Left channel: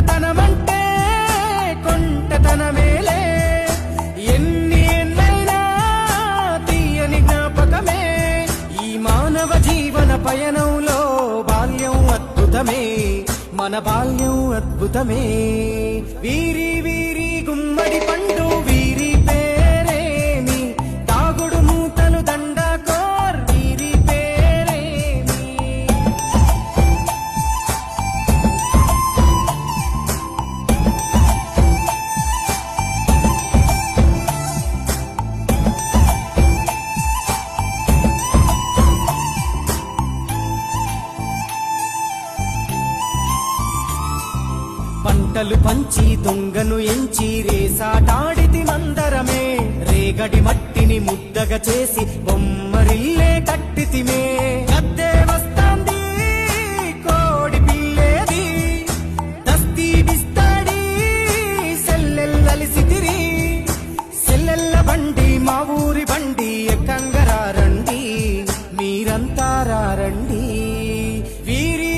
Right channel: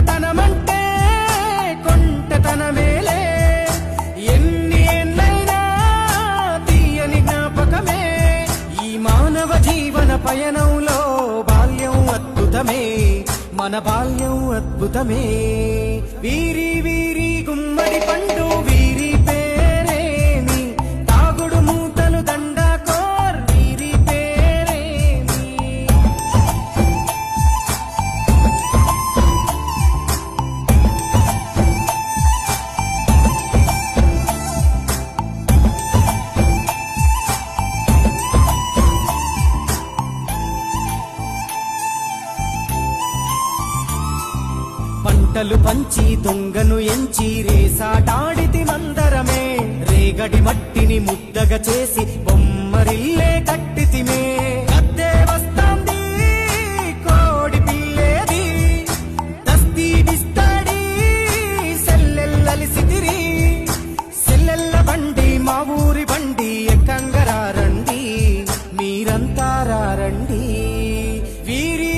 కొంటతనమంటే కొంటతనమేలే, ఎన్ని ఏళ్ళైనా తీయని జ్ఞాపకమే. ఈ మానవ జీవన పయనంలో బాల్యం అద్భుతమే, మన బాల్యం అద్భుతమే. వీరి వీరి గుమ్మడి పండు వీరి పేరేమి, తాగుడు మూతలు దండాకోర్ వీరి పేరేమి. పంటలు పంచి దొంగను ఎంచి రేసాటాడితి మందరమే, రేగడి మట్టిని ముద్దగా చేసి బొమ్మరిల్లే కట్టితిమే. గద్దే వస్తాంది కోడి పిల్లేది, దస్తీ బిస్తాడి సెల్లెల్లలిసితిరి. సెల్లెల్ల బండి మా ఊరి బండి ఎక్కంగరారండి, మీరంతా రారండి. వీరి